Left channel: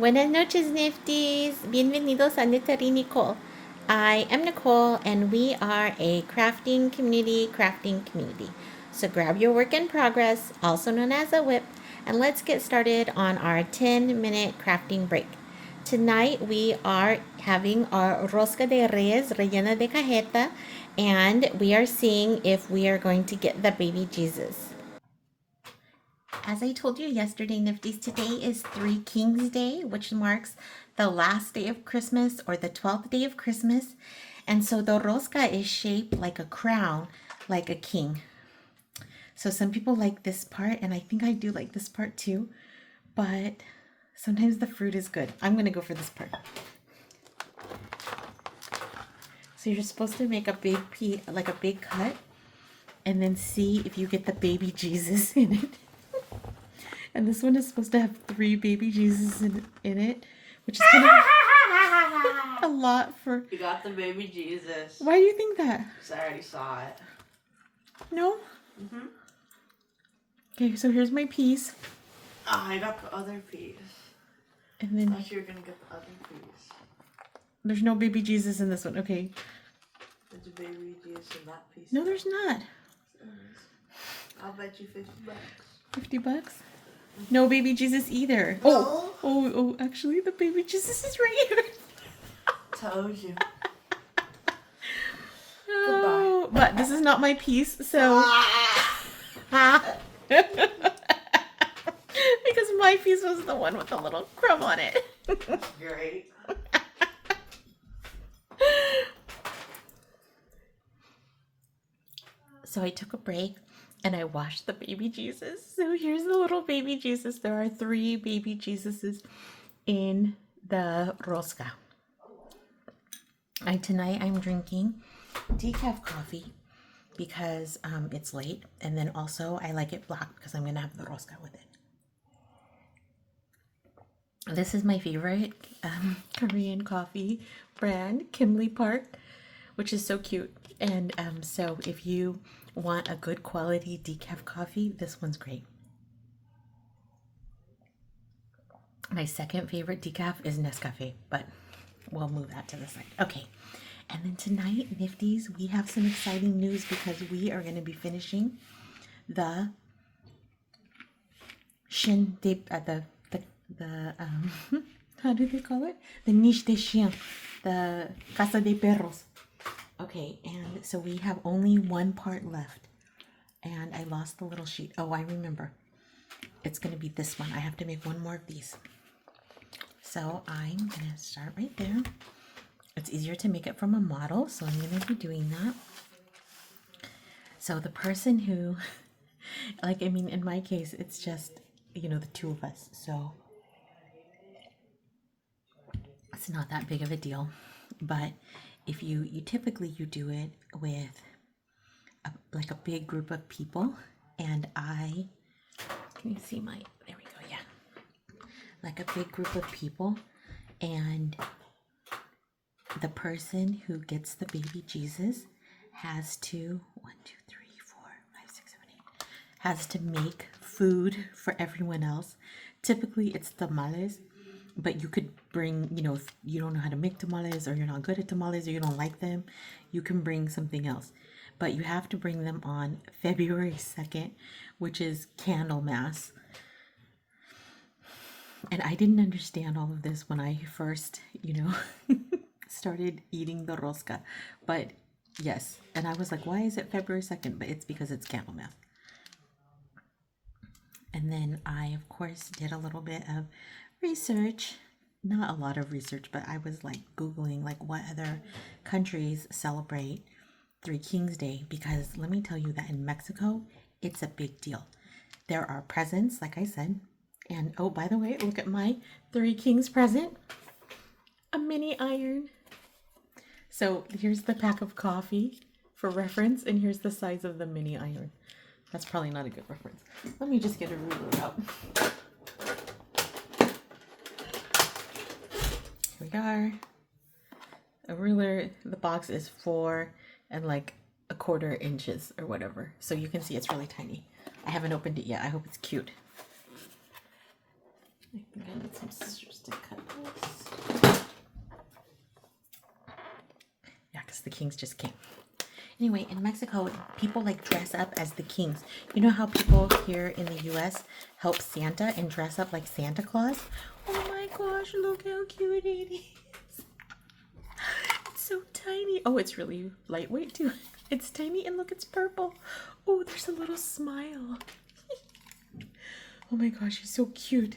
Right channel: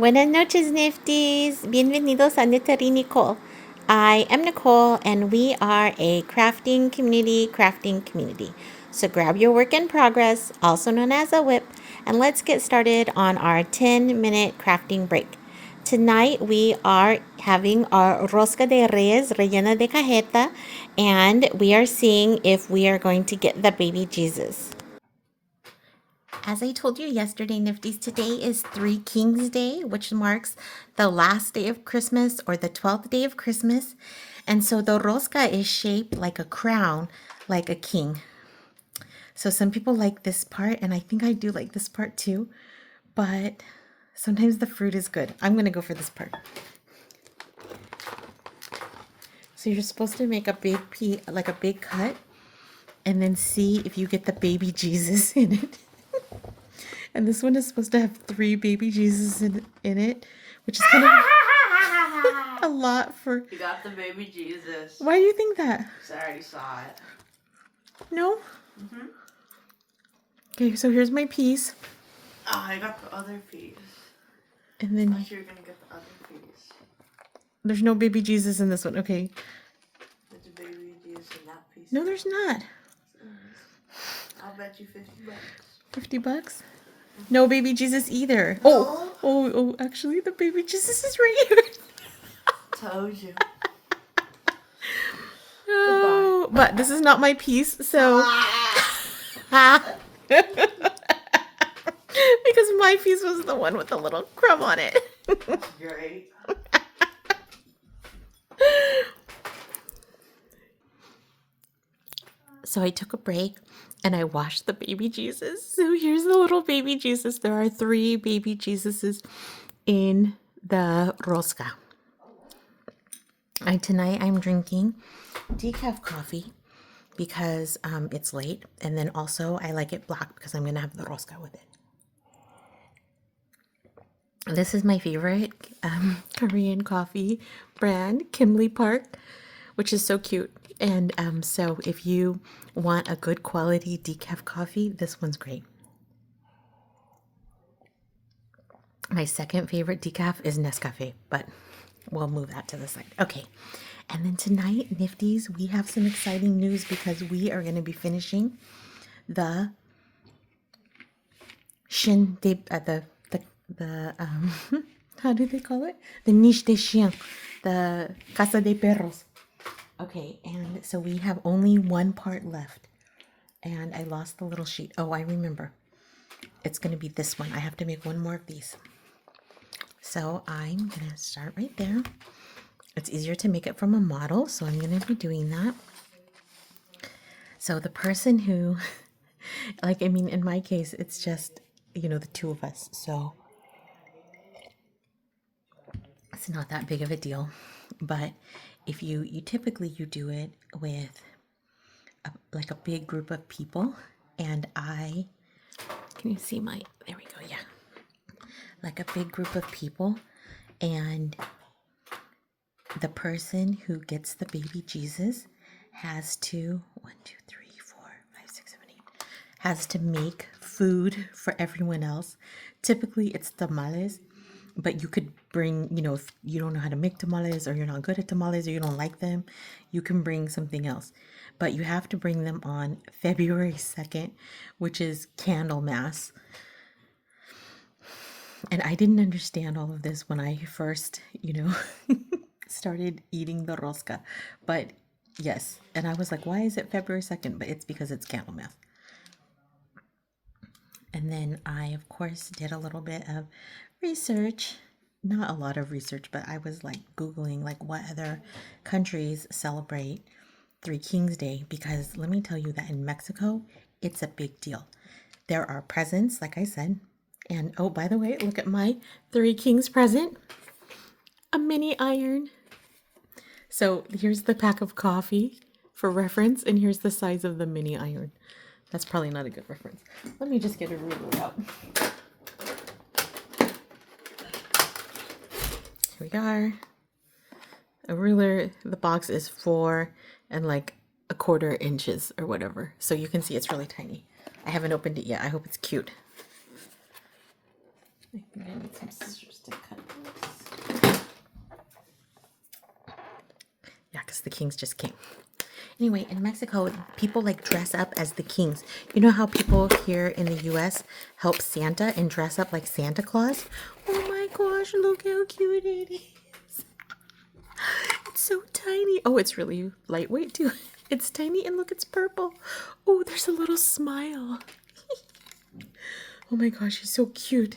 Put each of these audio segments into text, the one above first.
Buenas noches, Nifties. Bienvenidos a Knittery Nicole. I am Nicole, and we are a crafting community. So grab your work in progress, also known as a whip, and let's get started on our 10-minute crafting break. Tonight we are having our Rosca de Reyes rellena de cajeta, and we are seeing if we are going to get the baby Jesus. As I told you yesterday, Nifties, today is Three Kings Day, which marks the last day of Christmas or the 12th day of Christmas. And so the rosca is shaped like a crown, like a king. So some people like this part, and I think I do like this part too, but sometimes the fruit is good. I'm going to go for this part. So you're supposed to make a big like a big cut, and then see if you get the baby Jesus in it. And this one is supposed to have 3 baby Jesus in it, which is kind of a lot for... You got the baby Jesus. Why do you think that? Because I already saw it. No? Mm-hmm. Okay, so here's my piece. Oh, I got the other piece. And then... I thought you were going to get the other piece. There's no baby Jesus in this one. Okay. There's a baby Jesus in that piece. No, there's not. I'll bet you $50. 50 bucks? No baby Jesus either. No. Oh, actually the baby Jesus is right here. Told you. Oh, but this is not my piece, so... Because my piece was the one with the little crumb on it. Great. So I took a break and I washed the baby Jesus. So here's the little baby Jesus. There are 3 baby Jesuses in the rosca. And tonight I'm drinking decaf coffee because it's late. And then also I like it black because I'm going to have the rosca with it. This is my favorite Korean coffee brand, Kimley Park, which is so cute. And so if you want a good quality decaf coffee, this one's great. My second favorite decaf is Nescafe, but we'll move that to the side. Okay, and then tonight, Nifties, we have some exciting news because we are going to be finishing the how do they call it? The niche de chien, the casa de perros. Okay, and so we have only one part left. And I lost the little sheet. Oh, I remember. It's going to be this one. I have to make one more of these. So I'm going to start right there. It's easier to make it from a model, so I'm going to be doing that. So the person who, in my case, it's just, the 2 of us. So it's not that big of a deal. But if you typically do it with like a big group of people, and can you see there we go, yeah, like a big group of people, and the person who gets the baby Jesus has to 1, 2, 3, 4, 5, 6, 7, 8 has to make food for everyone else. Typically it's tamales, but you could bring, if you don't know how to make tamales, or you're not good at tamales, or you don't like them, you can bring something else. But you have to bring them on February 2nd, which is Candlemas. And I didn't understand all of this when I first, started eating the rosca. But yes, and I was like, why is it February 2nd? But it's because it's Candlemas. And then I, of course, did a little bit of research. Not a lot of research, but I was like Googling like what other countries celebrate Three Kings Day, because let me tell you that in Mexico, it's a big deal. There are presents, like I said, and oh, by the way, look at my Three Kings present, a mini iron. So here's the pack of coffee for reference, and here's the size of the mini iron. That's probably not a good reference. Let me just get a ruler out. Here we are. A ruler, the box is 4 and like 1/4 inches or whatever. So you can see it's really tiny. I haven't opened it yet. I hope it's cute. I think I need some scissors to cut this. Yeah, because the kings just came. Anyway, in Mexico, people like dress up as the kings. You know how people here in the US help Santa and dress up like Santa Claus? Oh my gosh, look how cute it is. It's so tiny. Oh, it's really lightweight too. It's tiny and look, it's purple. Oh, there's a little smile. Oh my gosh, he's so cute.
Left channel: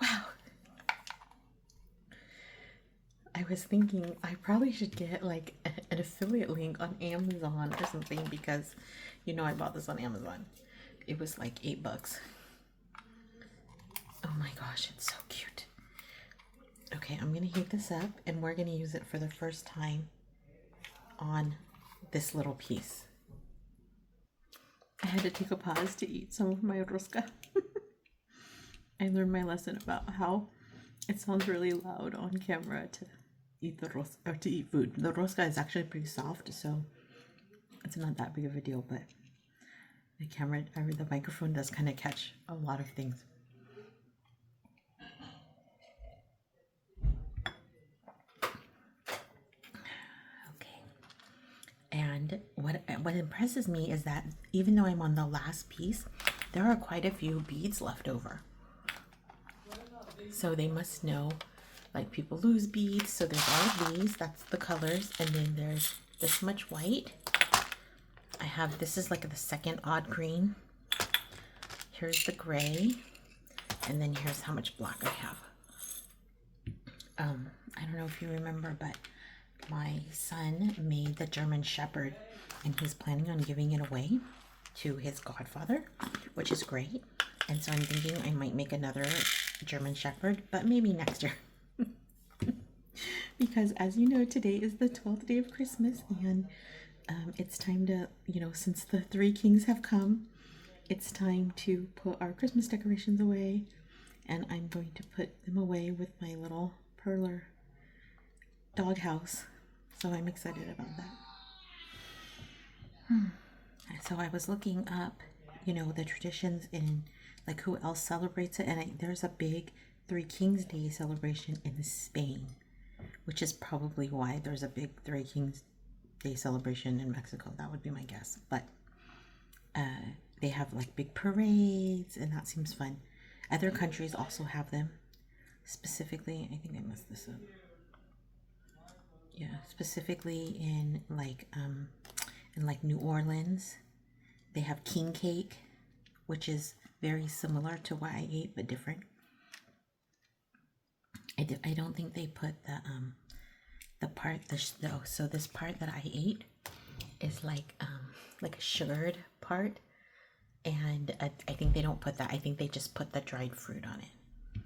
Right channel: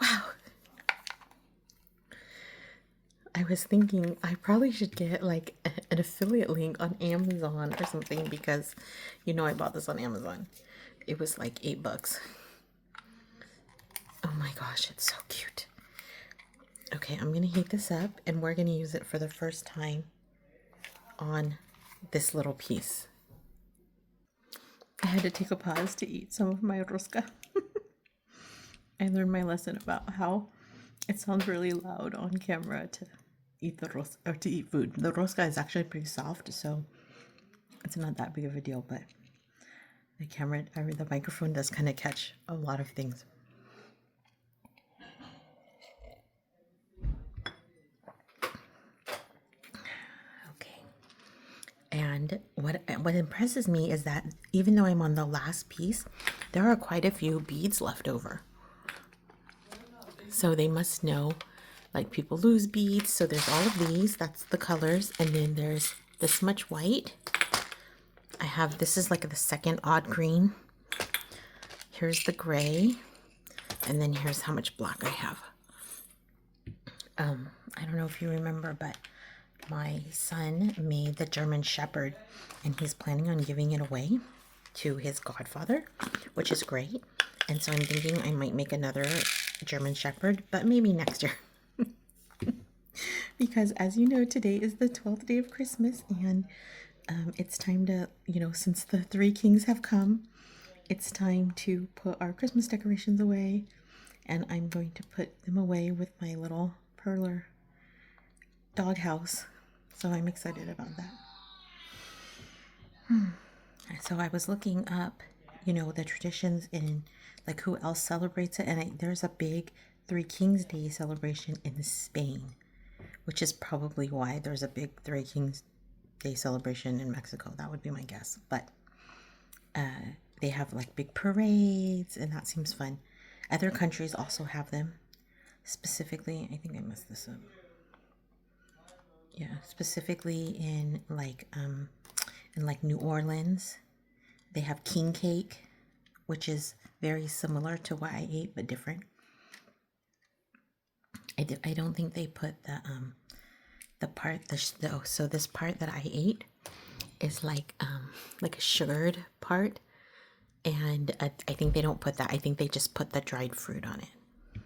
Wow. I was thinking I probably should get like an affiliate link on Amazon or something because you know I bought this on Amazon. It was like $8. Oh my gosh, it's so cute. Okay, I'm gonna heat this up and we're gonna use it for the first time on this little piece. I had to take a pause to eat some of my rosca. I learned my lesson about how it sounds really loud on camera to eat the rosca or to eat food. The rosca is actually pretty soft, so it's not that big of a deal, but the camera or the microphone does kind of catch a lot of things. Okay. And what impresses me is that even though I'm on the last piece, there are quite a few beads left over. So they must know, like people lose beads. So there's all of these, that's the colors. And then there's this much white. I have, this is like the second odd green. Here's the gray. And then here's how much black I have. I don't know if you remember, but my son made the German Shepherd and he's planning on giving it away to his godfather, which is great. And so I'm thinking I might make another German Shepherd, but maybe next year. Because as you know, today is the 12th day of Christmas and it's time to, you know, since the three kings have come, it's time to put our Christmas decorations away. And I'm going to put them away with my little Perler doghouse. So I'm excited about that. So I was looking up, you know, the traditions in like who else celebrates it. And there's a big Three Kings Day celebration in Spain, which is probably why there's a big Three Kings Day celebration in Mexico. That would be my guess. But they have like big parades and that seems fun. Other countries also have them. Specifically, I think I messed this up. Yeah, specifically in like New Orleans, they have king cake, which is very similar to what I ate but different. I don't think they put the part so this part that I ate is like a sugared part, and I think they don't put that. I think they just put the dried fruit on it.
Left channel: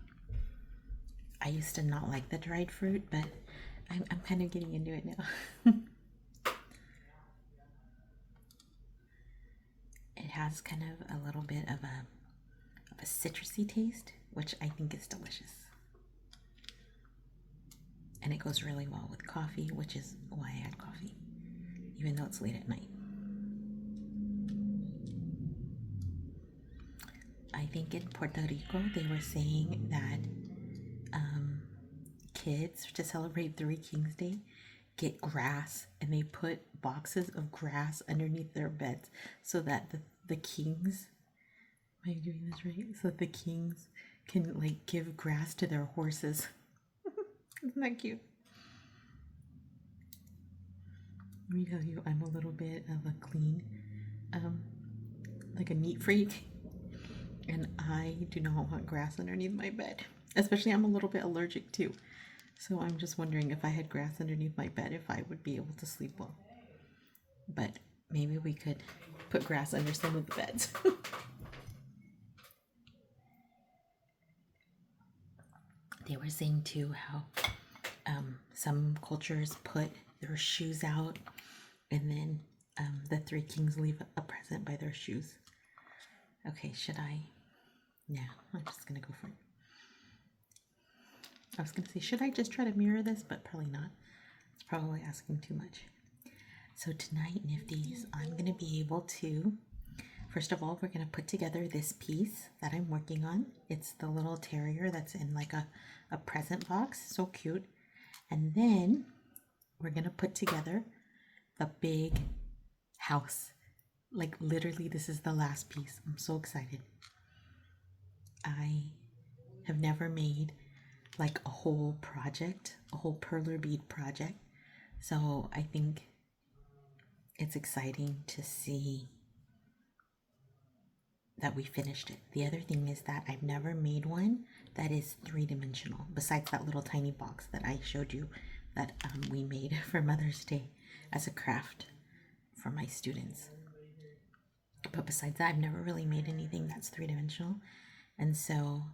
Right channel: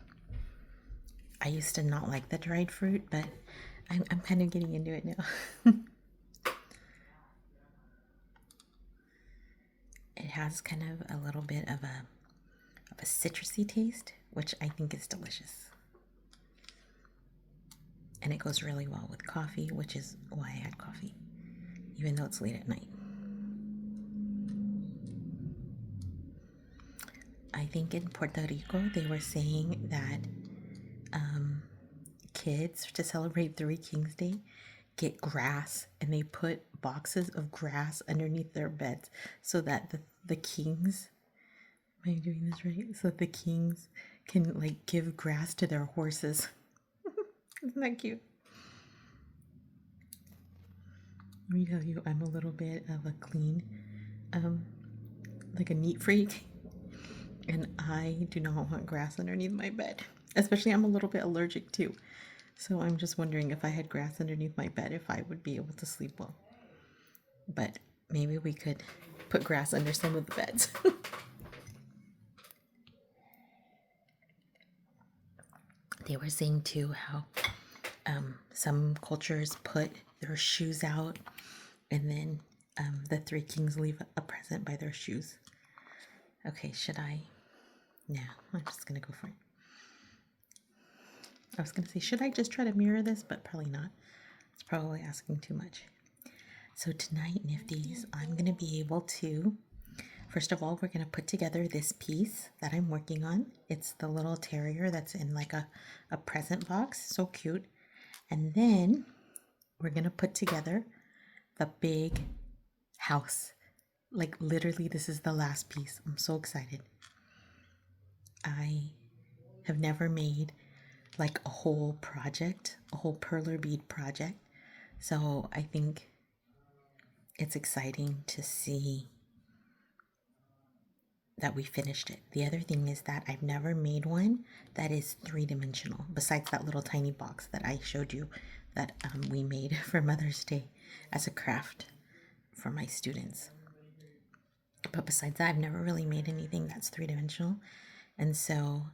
I used to not like the dried fruit, but I'm kind of getting into it now. It has kind of a little bit of a citrusy taste, which I think is delicious. And it goes really well with coffee, which is why I had coffee, even though it's late at night. I think in Puerto Rico, they were saying that kids, to celebrate Three Kings Day, get grass and they put boxes of grass underneath their beds so that the kings, am I doing this right? So the kings can like give grass to their horses. Isn't that cute? Let me tell you, I'm a little bit of a clean, like a neat freak. And I do not want grass underneath my bed. Especially I'm a little bit allergic too. So I'm just wondering if I had grass underneath my bed, if I would be able to sleep well. But maybe we could put grass under some of the beds. They were saying too how some cultures put their shoes out and then the three kings leave a present by their shoes. Okay, should I? No, I'm just going to go for it. I was going to say, should I just try to mirror this? But probably not. It's probably asking too much. So tonight, Nifties, I'm going to be able to, First of all, we're going to put together this piece that I'm working on. It's the little terrier that's in like a present box. So cute. And then we're going to put together the big house. Like literally, this is the last piece. I'm so excited. I have never made like a whole project, a whole perler bead project. So I think it's exciting to see that we finished it. The other thing is that I've never made one that is three-dimensional, besides that little tiny box that I showed you that we made for Mother's Day as a craft for my students. But besides that, I've never really made anything that's three-dimensional. And so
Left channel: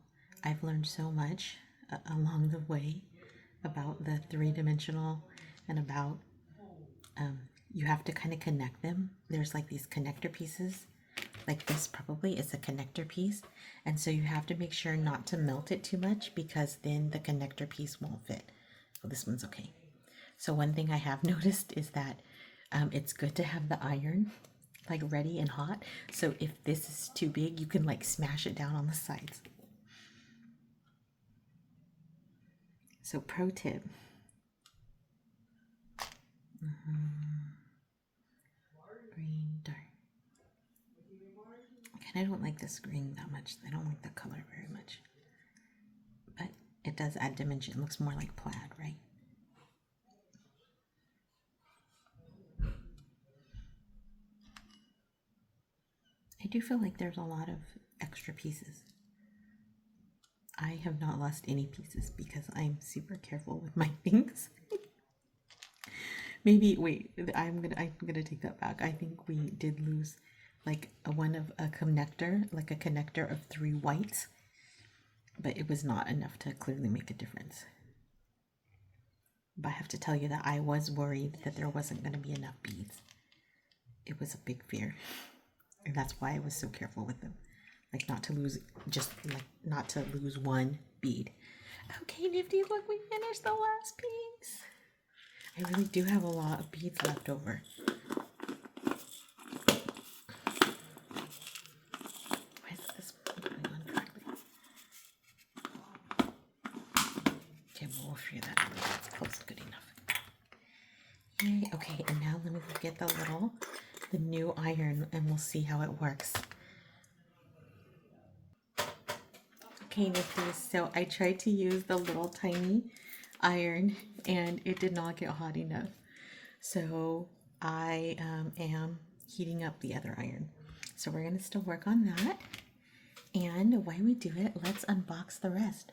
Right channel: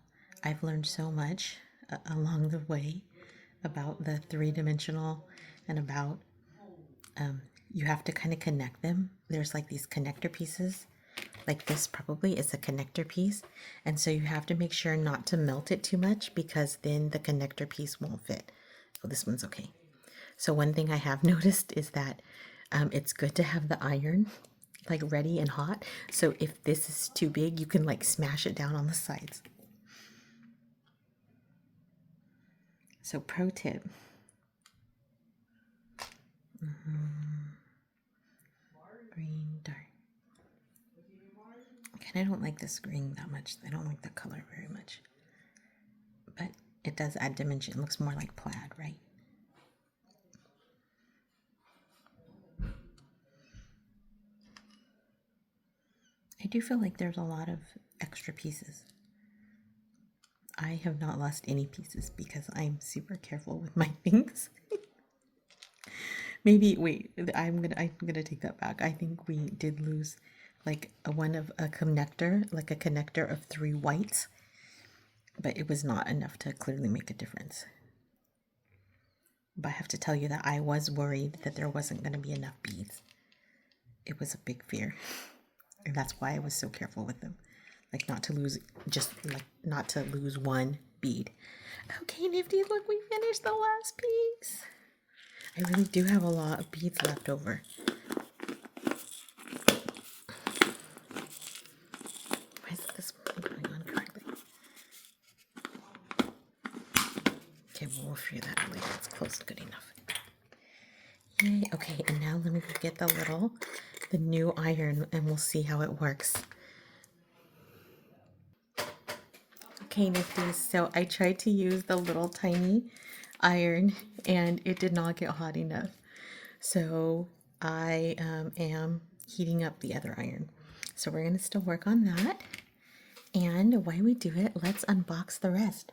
I've learned so much along the way about the three-dimensional and about you have to kind of connect them. There's like these connector pieces. Like this probably is a connector piece. And so you have to make sure not to melt it too much because then the connector piece won't fit. Oh, this one's okay. So one thing I have noticed is that it's good to have the iron like ready and hot. So if this is too big, you can like smash it down on the sides. So pro tip. Green, dark. I don't like this green that much. I don't like the color very much. But it does add dimension. It looks more like plaid, right? I do feel like there's a lot of extra pieces. I have not lost any pieces because I'm super careful with my things. Maybe, wait, I'm gonna take that back. I think we did lose like a connector of 3 whites, but it was not enough to clearly make a difference. But I have to tell you that I was worried that there wasn't going to be enough beads. It was a big fear, and that's why I was so careful with them, like not to lose one bead. Okay, Nifty, look, we finished the last piece. I really do have a lot of beads left over. Why is this one going on correctly? Okay, well, we'll figure that out later. It's close, good enough. Yay. Okay, and now let me go get the new iron, and we'll see how it works. Okay, Nifties, so I tried to use the little tiny iron, and it did not get hot enough. So I am heating up the other iron. So we're going to still work on that. And while we do it, let's unbox the rest.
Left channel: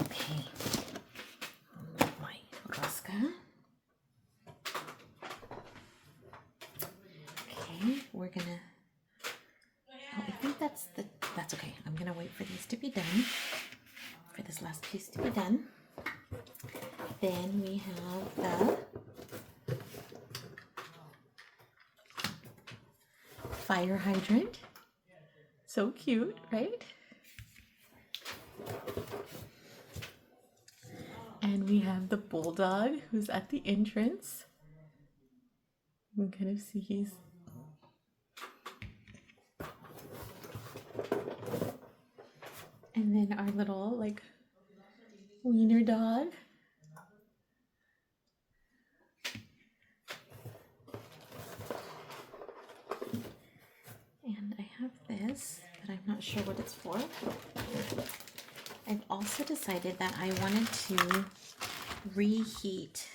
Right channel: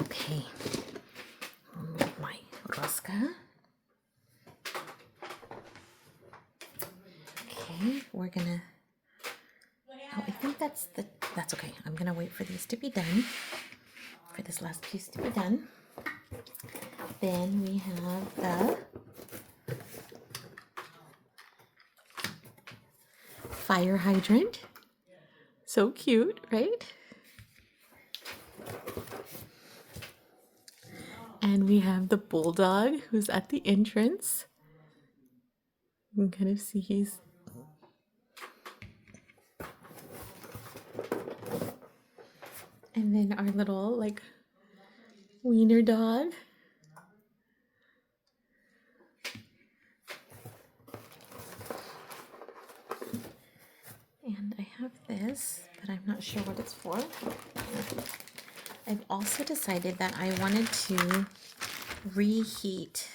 Okay. My Rosca. Okay, we're going to... Oh, I think that's okay. I'm going to wait for these to be done. For this last piece to be done. Then we have the fire hydrant. So cute, right? And we have the bulldog who's at the entrance. You can kind of see he's... And then our little, like, wiener dog. And I have this, but I'm not sure what it's for. I've also decided that I wanted to reheat.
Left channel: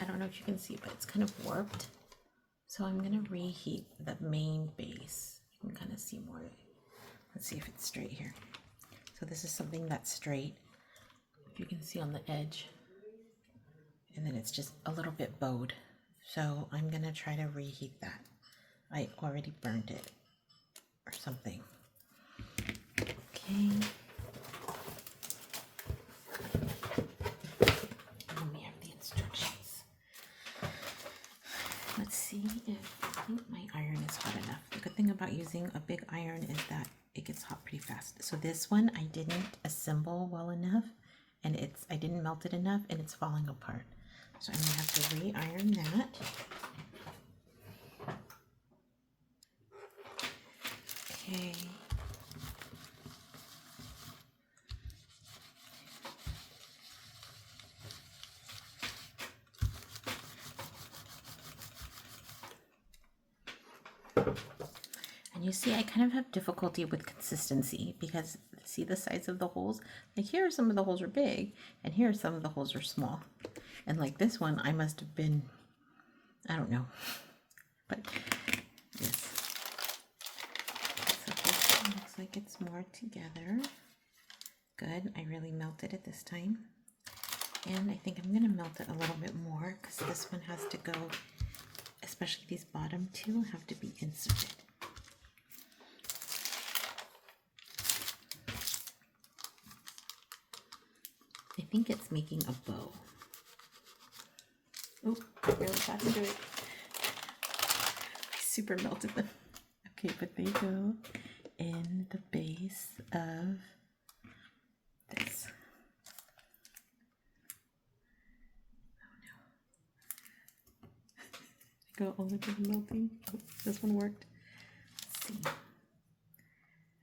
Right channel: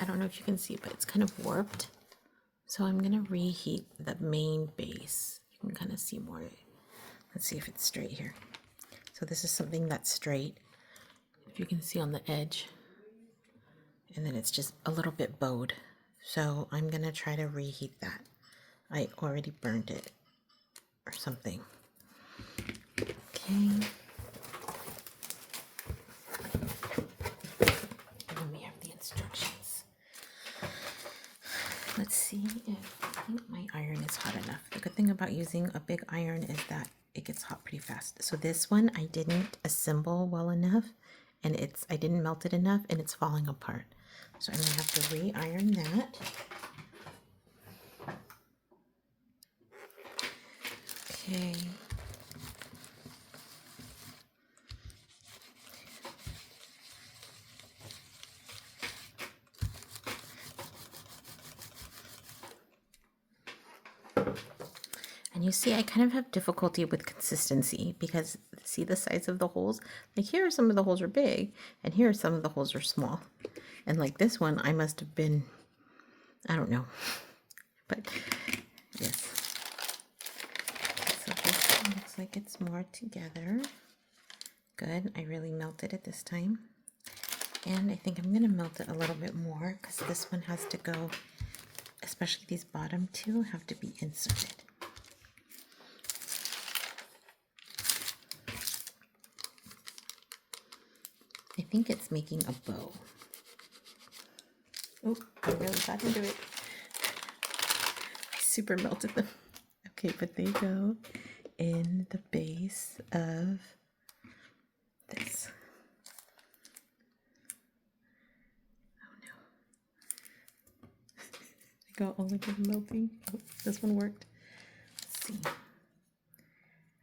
I don't know if you can see, but it's kind of warped. So I'm going to reheat the main base. You can kind of see more. Let's see if it's straight here. So this is something that's straight, if you can see on the edge. And then it's just a little bit bowed. So I'm going to try to reheat that. I already burned it or something. Okay. And we have the instructions. Let's see if I think my iron is hot enough. The good thing about using a big iron is that it gets hot pretty fast. So this one I didn't assemble well enough, and I didn't melt it enough, and it's falling apart. So I'm gonna have to re-iron that. Okay. And you see, I kind of have difficulty with consistency because see the size of the holes? Like here, some of the holes are big, and here some of the holes are small. And like this one, I must have been, I don't know. But yes. So this one looks like it's more together. Good. I really melted it this time. And I think I'm going to melt it a little bit more because this one has to go, especially these bottom two have to be inserted. I think it's making a bow. Oh, I really got into it. I super melted them. Okay, but they go in the base of this. Oh no. I got all of them melting. Oh, this one worked. Let's see.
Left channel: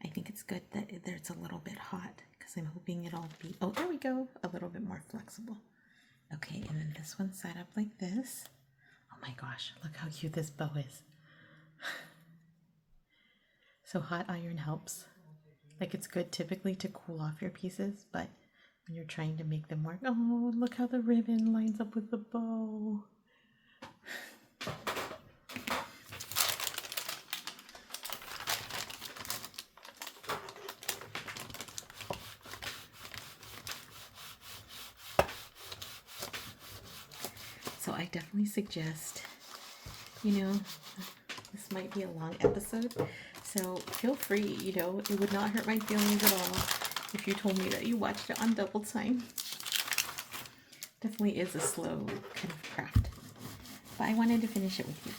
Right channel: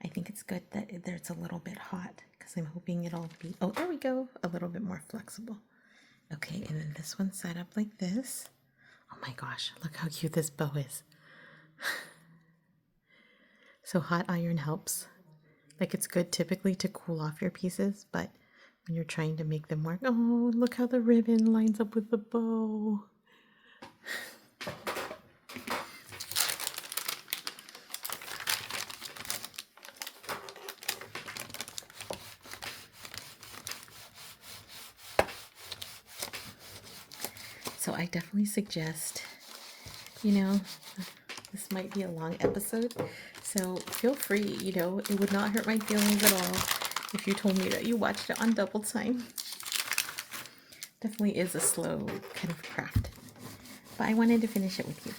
I think it's good that it's a little bit hot because I'm hoping it'll be, oh, there we go, a little bit more flexible. Okay, and then this one's set up like this. Oh my gosh, look how cute this bow is. So hot iron helps. Like it's good typically to cool off your pieces, but when you're trying to make them work, oh, look how the ribbon lines up with the bow. So I definitely suggest, this might be a long episode, so feel free, it would not hurt my feelings at all if you told me that you watched it on double time. Definitely is a slow kind of craft, but I wanted to finish it with you.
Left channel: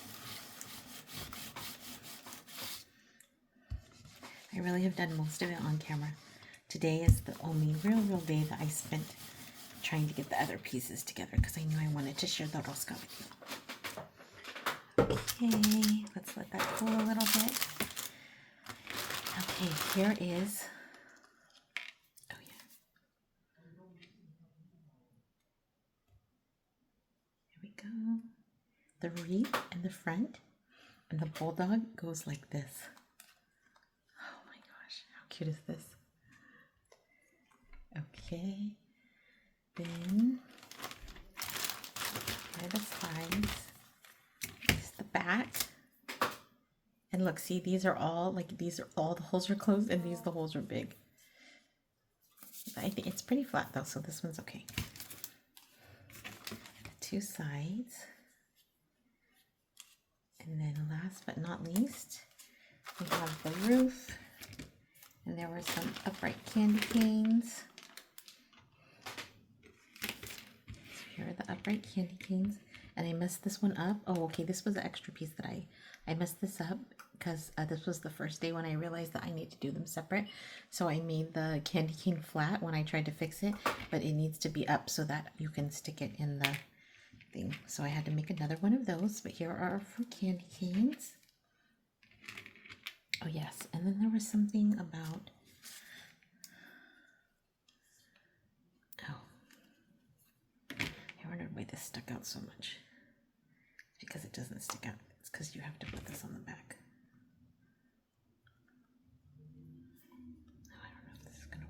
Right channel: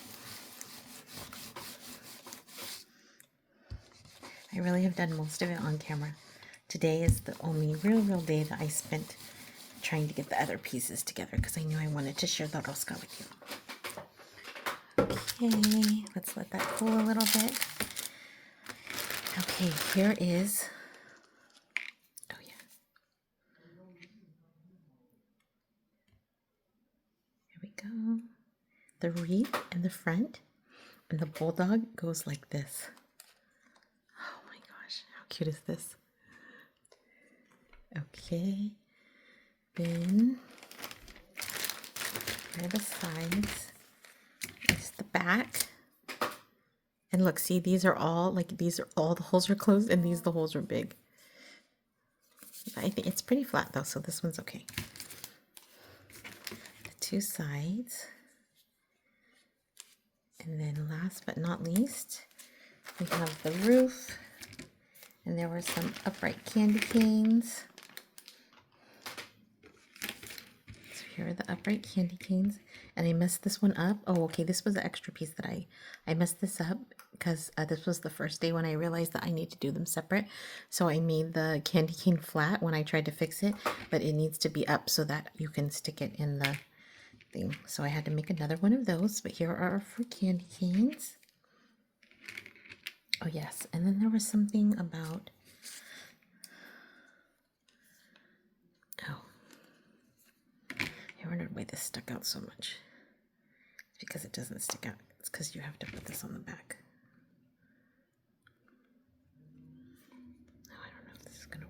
I really have done most of it on camera. Today is the only real day that I spent trying to get the other pieces together because I knew I wanted to share the Rosca with you. Okay, let's let that cool a little bit. Okay, here is, oh yeah. Here we go. The wreath in the front, and the bulldog goes like this. Oh my gosh, how cute is this? Okay, then here are the sides. This is the back. And look, see, these are all the holes are closed, and the holes are big. I think it's pretty flat though, so this one's okay. The two sides. And then last but not least, we have the roof. And there were some upright candy canes. So here are the upright candy canes. And I messed this one up. Oh, okay, this was the extra piece that I messed this up because this was the first day when I realized that I need to do them separate. So I made the candy cane flat when I tried to fix it, but it needs to be up so that you can stick it in the thing. So I had to make another one of those, but here are our fruit candy canes. Oh yes, and then there was something about, I wondered why this stuck out so much. It's because it doesn't stick out. It's because you have to put this on the back. Oh, I don't know if this is gonna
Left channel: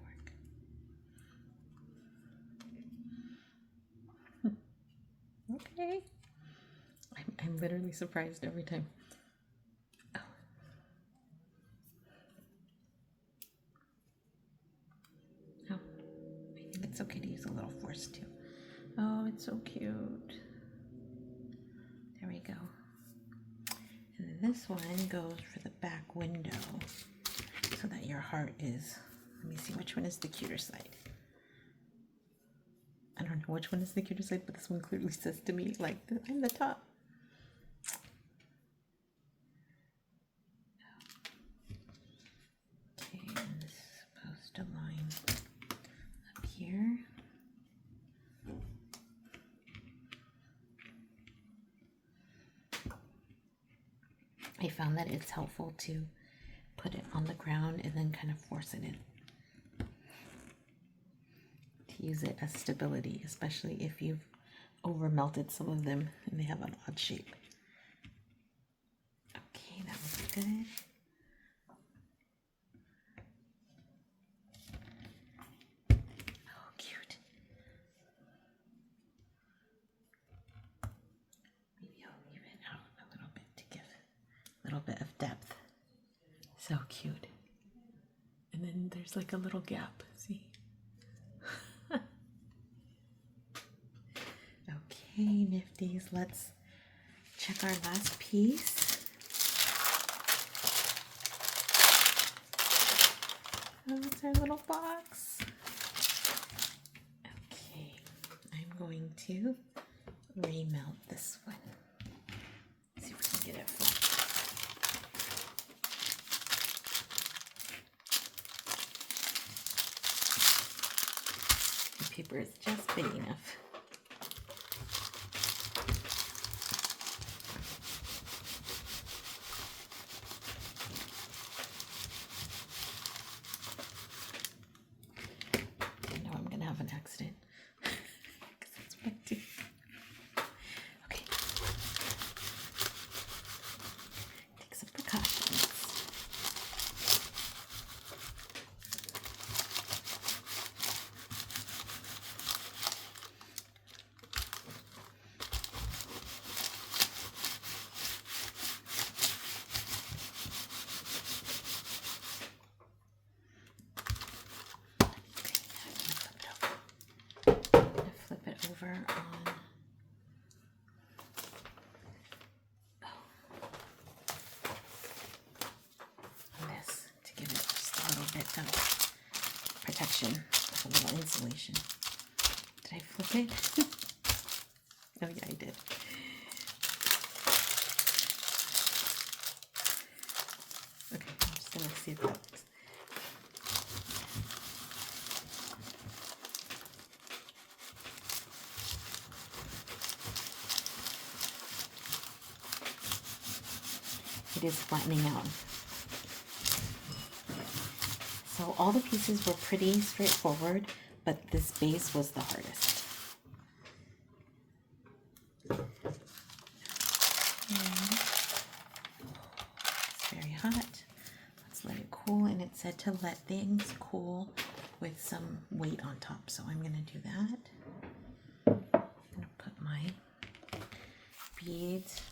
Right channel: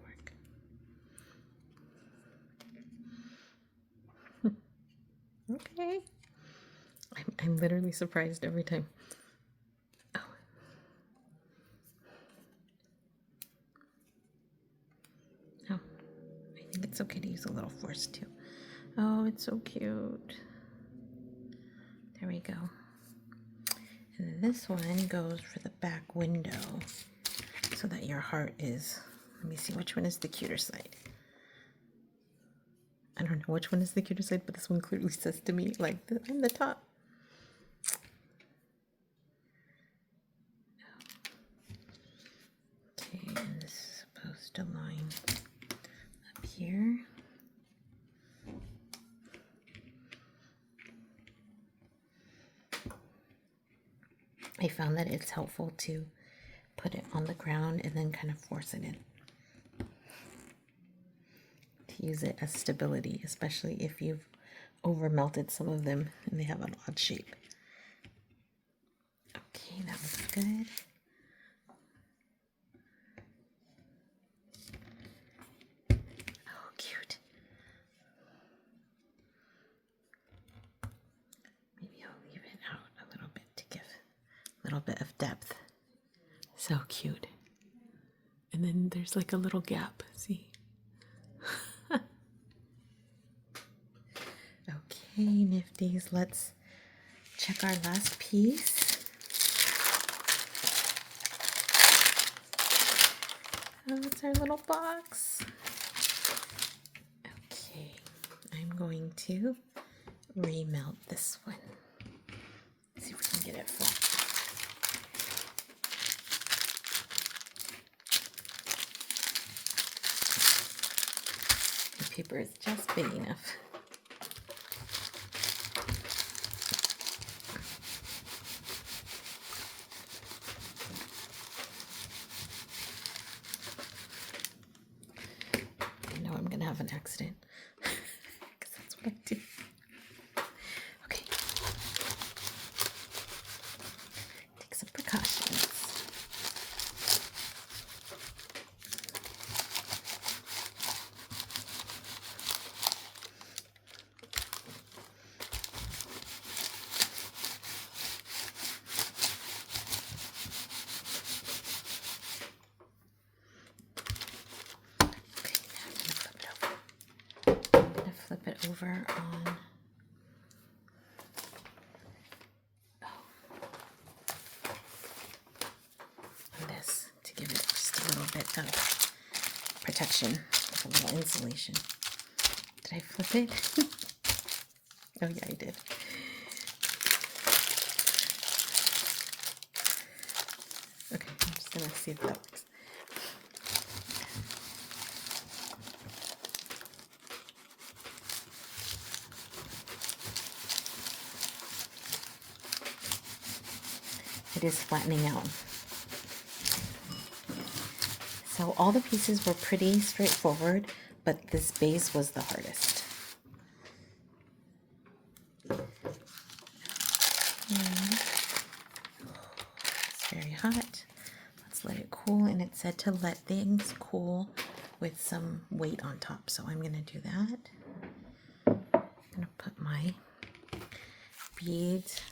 work. Okay. I'm literally surprised every time. Oh. Oh, I think it's okay to use a little force too. Oh, it's so cute. There we go. And then this one goes for the back window so that your heart is, let me see, which one is the cuter side? I don't know which one is the cuter side, but this one clearly says to me, like, I'm the top. Okay, and this is supposed to line up here. I found that it's helpful to put it on the ground and then kind of force it in. To use it as stability, especially if you've over melted some of them and they have an odd shape. Okay, that looks good. Oh, cute. Maybe I'll leave it out a little bit to give a little bit of depth. So cute. And then there's like a little gap, see? Okay, Nifties, let's check our last piece. Oh, it's our little box. Okay, I'm going to remelt this one. Let's see if we can get it flat. The paper is just big enough. Have an accident because that's what I do. Okay, take some precautions. Flip it over on this to give it just a little bit of protection, a little insulation. Did I flip it? Oh yeah, I did. Okay, I'm just gonna see if that works. It is flattening out. So all the pieces were pretty straightforward, but this base was the hardest. And it's very hot. Let's let it cool, and it said to let things cool with some weight on top. So I'm gonna do that. I'm gonna put my beads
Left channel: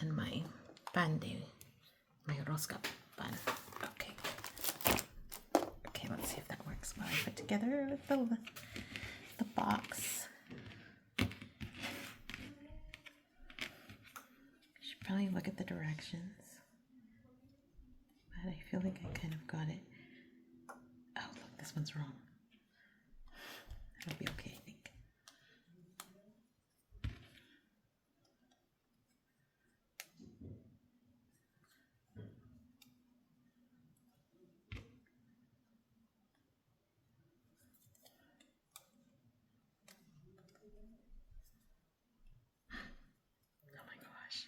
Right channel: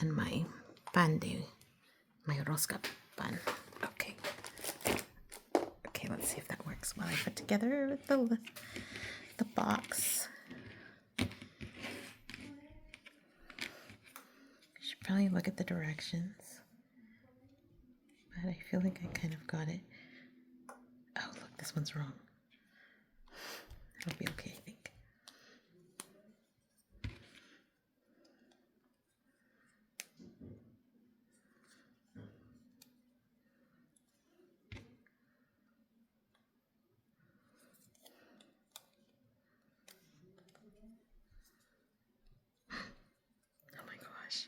and my pan my Rosca pan. Okay. Okay, let's see if that works while I put together the box. I should probably look at the directions, but I feel like I kind of got it. Oh, look, this one's wrong. It'll be okay, I think. Oh my gosh.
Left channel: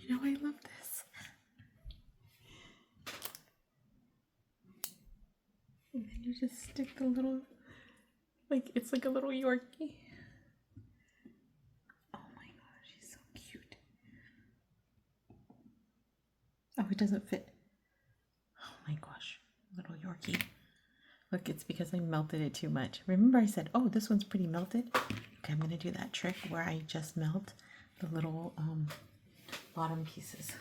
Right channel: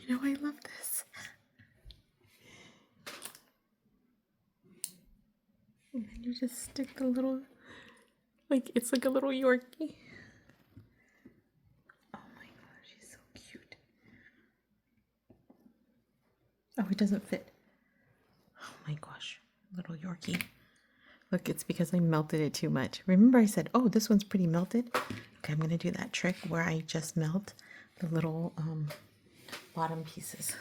You know, I love this. And then you just stick the little, like, it's like a little Yorkie. Oh my gosh, he's so cute. Oh, it doesn't fit. Oh my gosh, little Yorkie. Look, it's because I melted it too much. Remember I said, oh, this one's pretty melted? Okay, I'm going to do that trick where I just melt the little bottom pieces.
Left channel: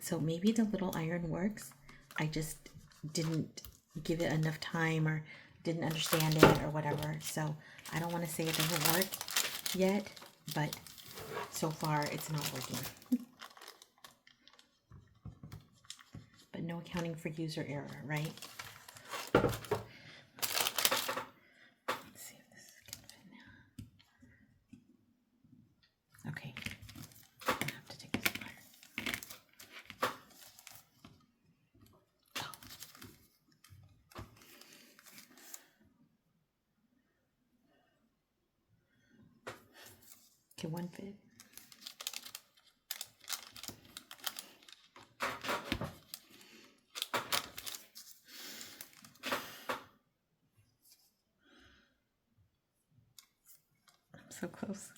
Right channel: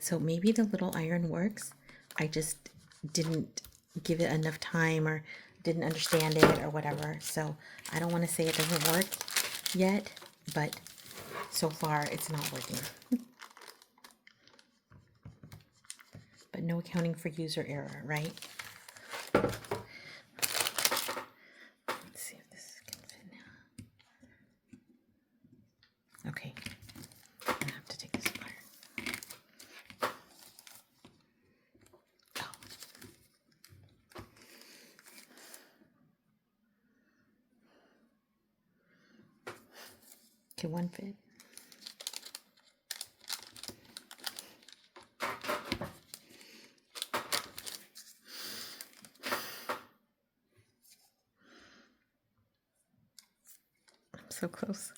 So maybe the little iron works. I just didn't give it enough time or didn't understand it or whatever. So I don't want to say it doesn't work yet, but so far it's not working. But no accounting for user error, right? Let's see if this can fit now. to one fit. I'm so close.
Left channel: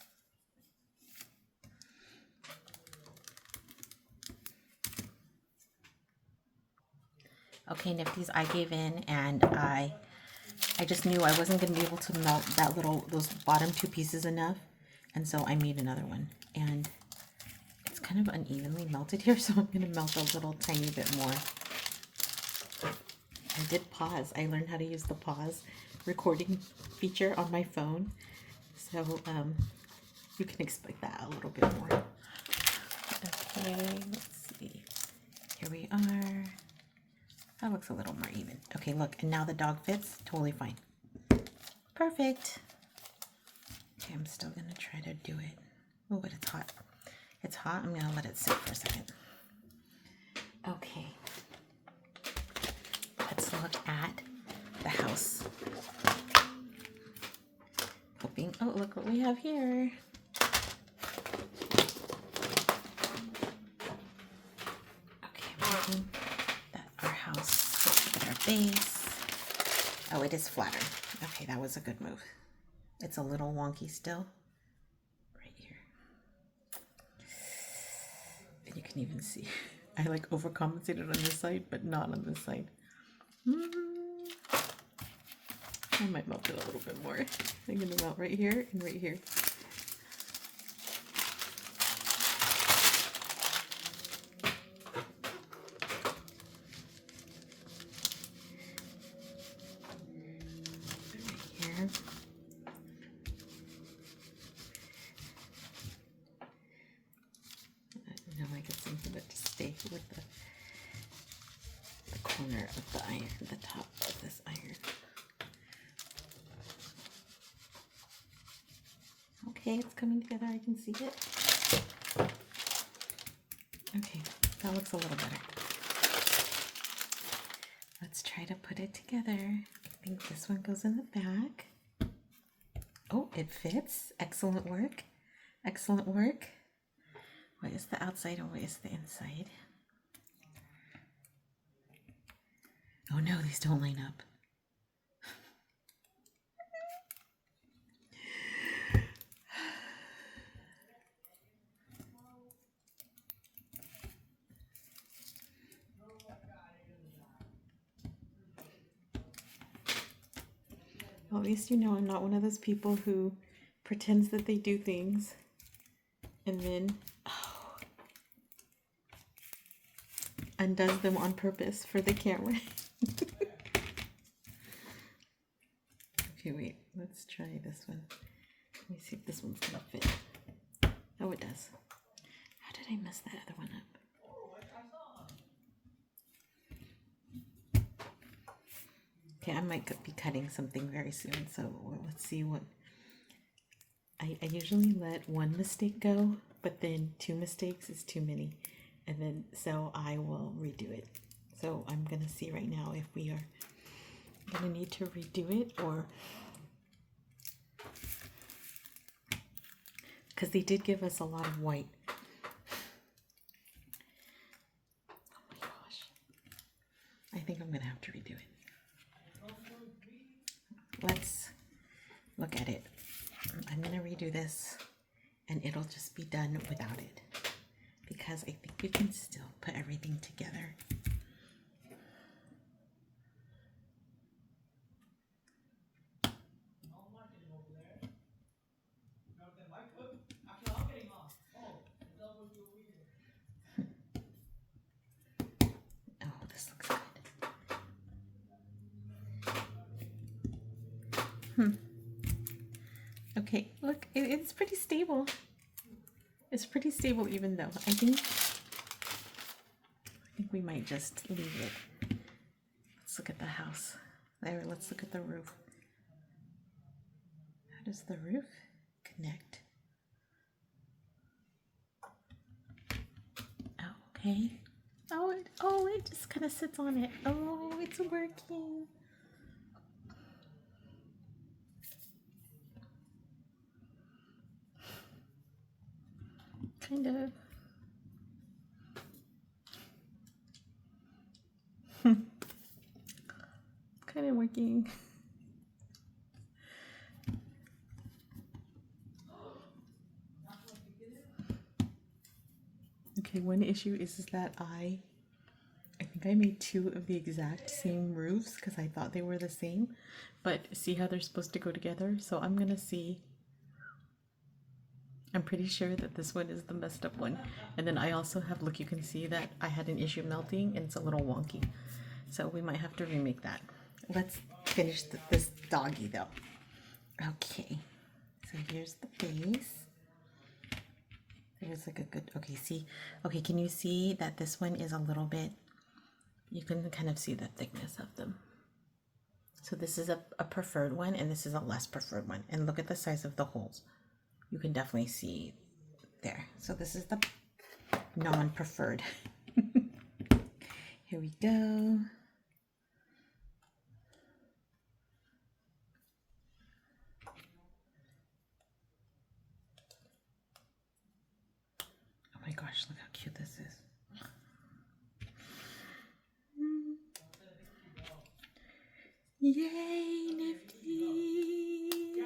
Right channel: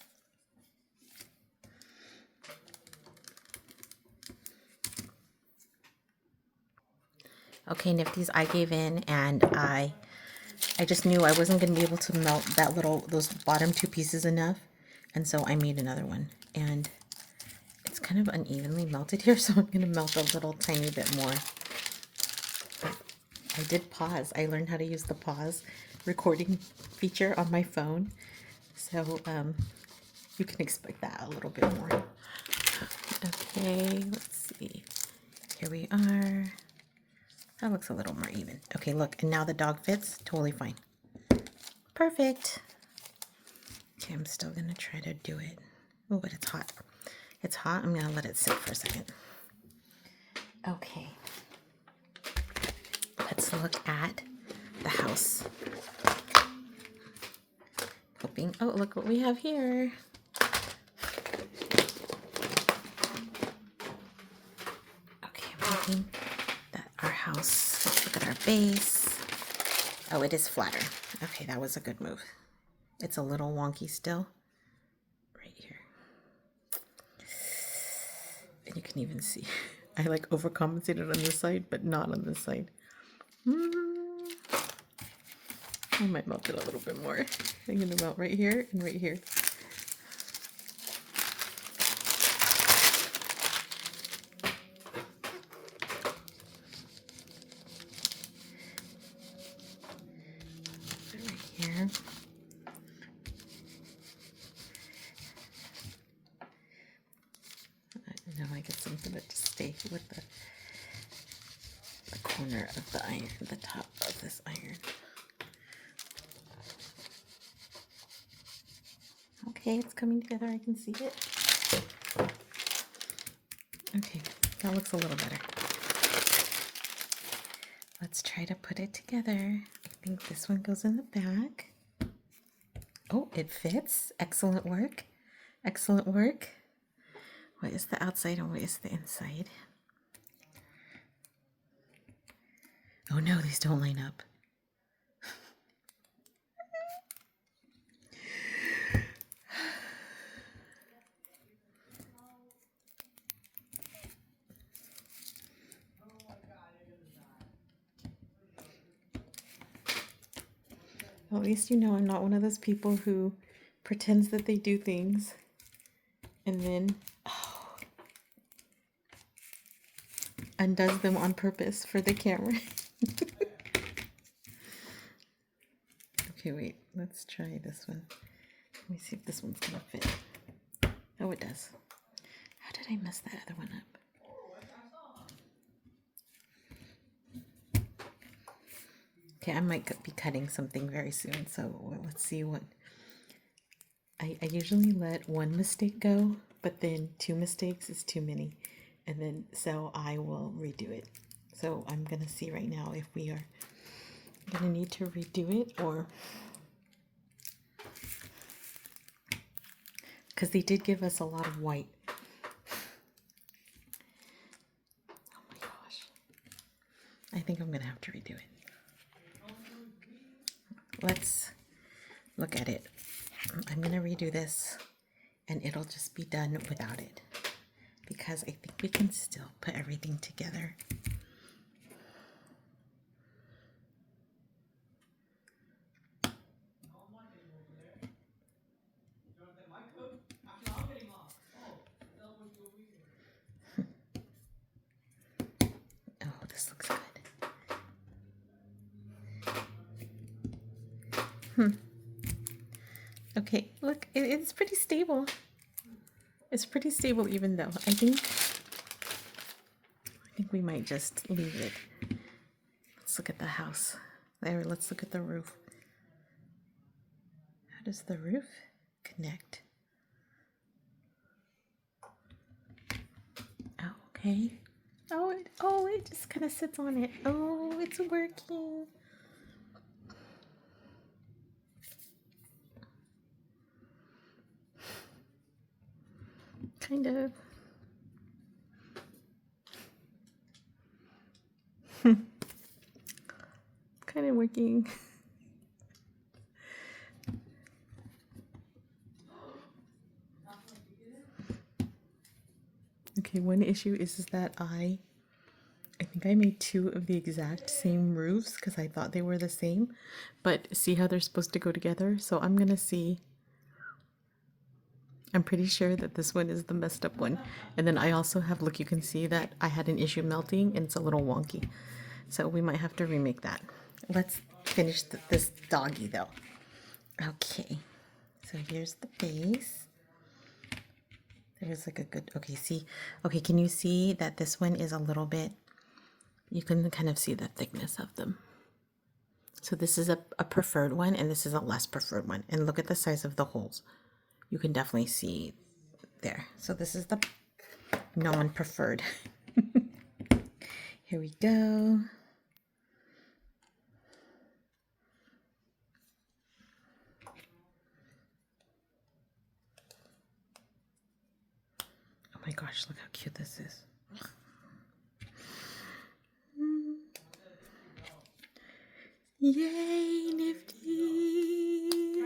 Okay, Nifties, I gave in, and I just knew I wasn't going to be able to melt those bottom two pieces enough, and so I made another one. And it's kind of unevenly melted here, so I'm going to melt a little tiny bit more. I did pause. I learned how to use the pause recording feature on my phone, so you can expect that a little bit more. Okay, let's see. Here we are. That looks a little more even. Okay, look, and now the dog fits totally fine. Perfect. Okay, I'm still gonna try to do it. Oh, but it's hot. It's hot. I'm gonna let it sit for a second. Okay. Let's look at the house. Hoping, oh, look what we have here. Okay, I'm hoping that our house, let's look at our base. Oh, it is flatter. Okay, that was a good move. It's a little wonky still. Right here. And you can even see, I like overcompensated on this side, but not on this side. I might melt it a little bit more. I'm gonna melt right here and right here. Right here. Now I get something to stay with the corner of the iron, the top of this iron. Okay, it's coming together. I can see it. Okay, that looks a little better. Let's try to put it together. I think this one goes in the back. Oh, it fits. Excellent work. Excellent work. What is the outside and what is the inside? Oh no, these don't line up. Well, at least you know I'm not one of those people who pretends that they do things and then undoes them on purpose for the camera. Okay, wait, let's try this one. Let me see if this one's gonna fit. Oh, it does. How did I mess that other one up? Okay, I might be cutting something very soon, so let's see what... I usually let one mistake go, but then 2 mistakes is too many. And then, so I will redo it. So I'm gonna see right now if we are gonna need to redo it or... Because they did give us a lot of white. Oh my gosh. I think I'm gonna have to redo it. Let's look at it. I'm gonna redo this and it'll just be done without it because I think we can still put everything together. Oh, this looks good. Okay, look, it's pretty stable. It's pretty stable even though I think we might just leave it. Let's look at the house. There, let's look at the roof. How does the roof connect? Okay. Oh, it just kind of sits on it. Oh, it's working. kind of. Kind of working. Okay, one issue is that I think I made two of the exact same roofs because I thought they were the same, but see how they're supposed to go together? So I'm gonna see. I'm pretty sure that this one is the messed up one. And then I also have, look, you can see that I had an issue melting and it's a little wonky. So we might have to remake that. Let's finish this doggy though. Okay, so here's the base. There's like a good, okay, see, okay, can you see that this one is a little bit, you can kind of see the thickness of them. So this is a preferred one and this is a less preferred one. And look at the size of the holes. You can definitely see there. So this is the non-preferred. Here we go. Oh my gosh, look how cute this is. Yay, Nifty!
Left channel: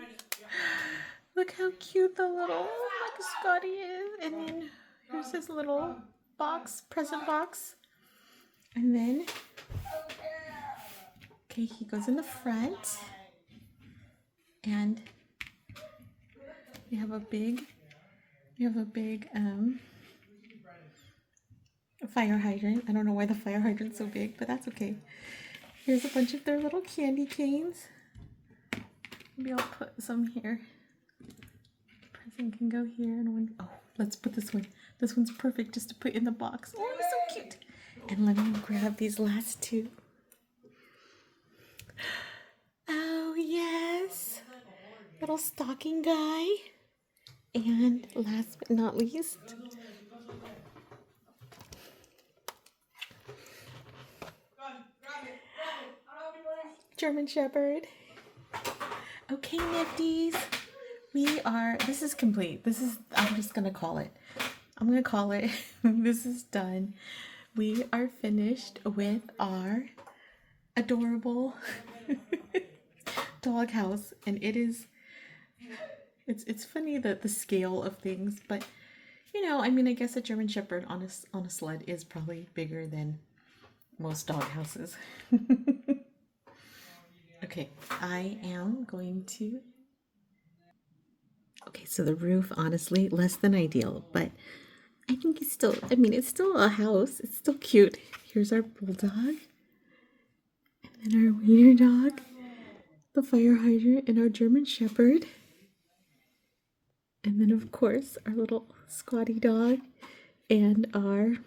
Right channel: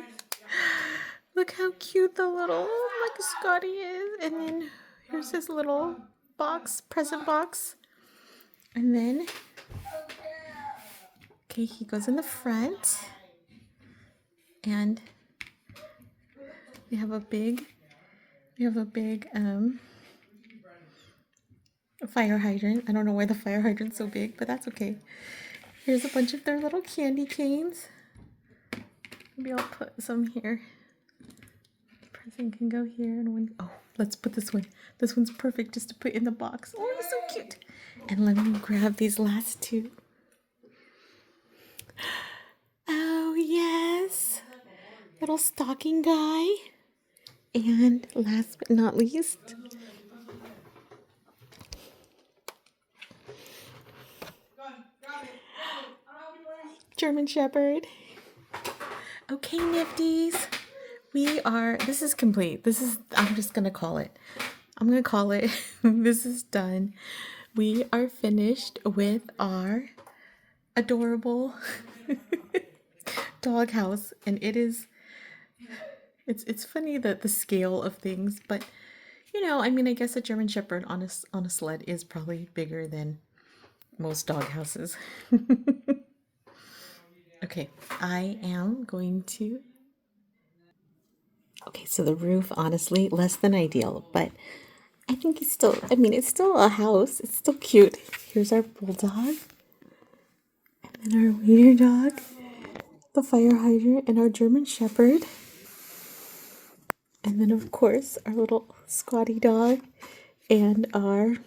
Look how cute the little like Scotty is. And then here's his little box, present box. And then, okay, he goes in the front. And we have a big fire hydrant. I don't know why the fire hydrant's so big, but that's okay. Here's a bunch of their little candy canes. Maybe I'll put some here. Present can go here and one. Oh, let's put this one. This one's perfect just to put in the box. Oh, he's so cute. And let me grab these last two. Oh, yes. Little stocking guy. And last but not least, German Shepherd. Okay, Nifties. This is complete. I'm just going to call it. This is done. We are finished with our adorable doghouse. And it's funny that the scale of things, but you know, I mean, I guess a German Shepherd on a sled is probably bigger than most dog houses. Okay, I am going to... Okay, so the roof, honestly, less than ideal, but I think it's still a house. It's still cute. Here's our bulldog. And then our wiener dog, the fire hydrant, and our German Shepherd. And then, of course, our little squatty dog and our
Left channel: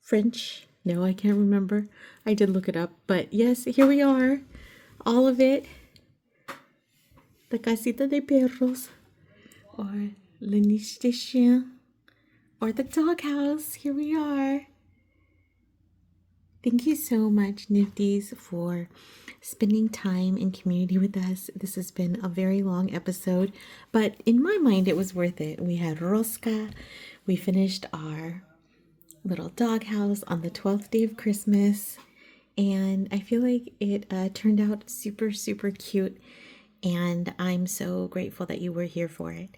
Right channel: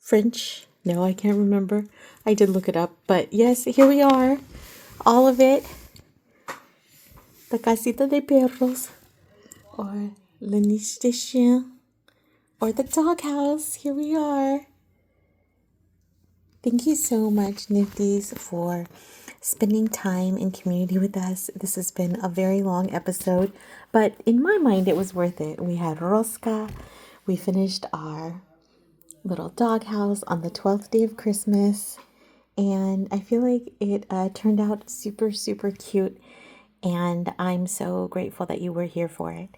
French. No, I can't remember. I did look it up, but yes, here we are. All of it. La casita de perros, or le niche de chien, or the doghouse. Here we are. Thank you so much, Nifties, for spending time in community with us. This has been a very long episode, but in my mind, it was worth it. We had Rosca. We finished our little doghouse on the 12th day of Christmas, and I feel like it turned out super, super cute, and I'm so grateful that you were here for it.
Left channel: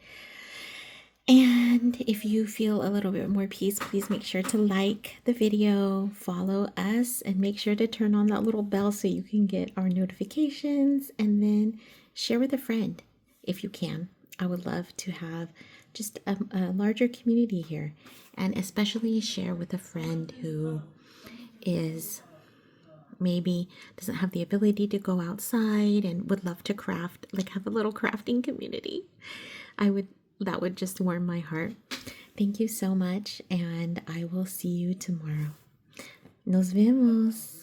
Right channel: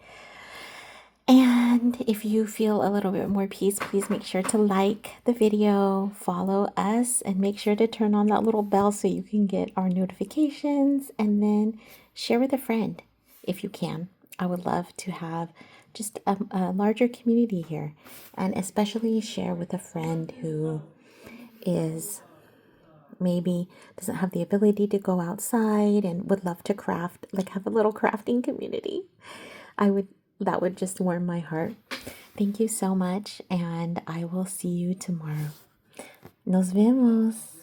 And if you feel a little bit more peace, please make sure to like the video, follow us, and make sure to turn on that little bell so you can get our notifications, and then share with a friend if you can. I would love to have just a larger community here, and especially share with a friend who is maybe doesn't have the ability to go outside and would love to craft, like have a little crafting community. That would just warm my heart. Thank you so much, and I will see you tomorrow. Nos vemos.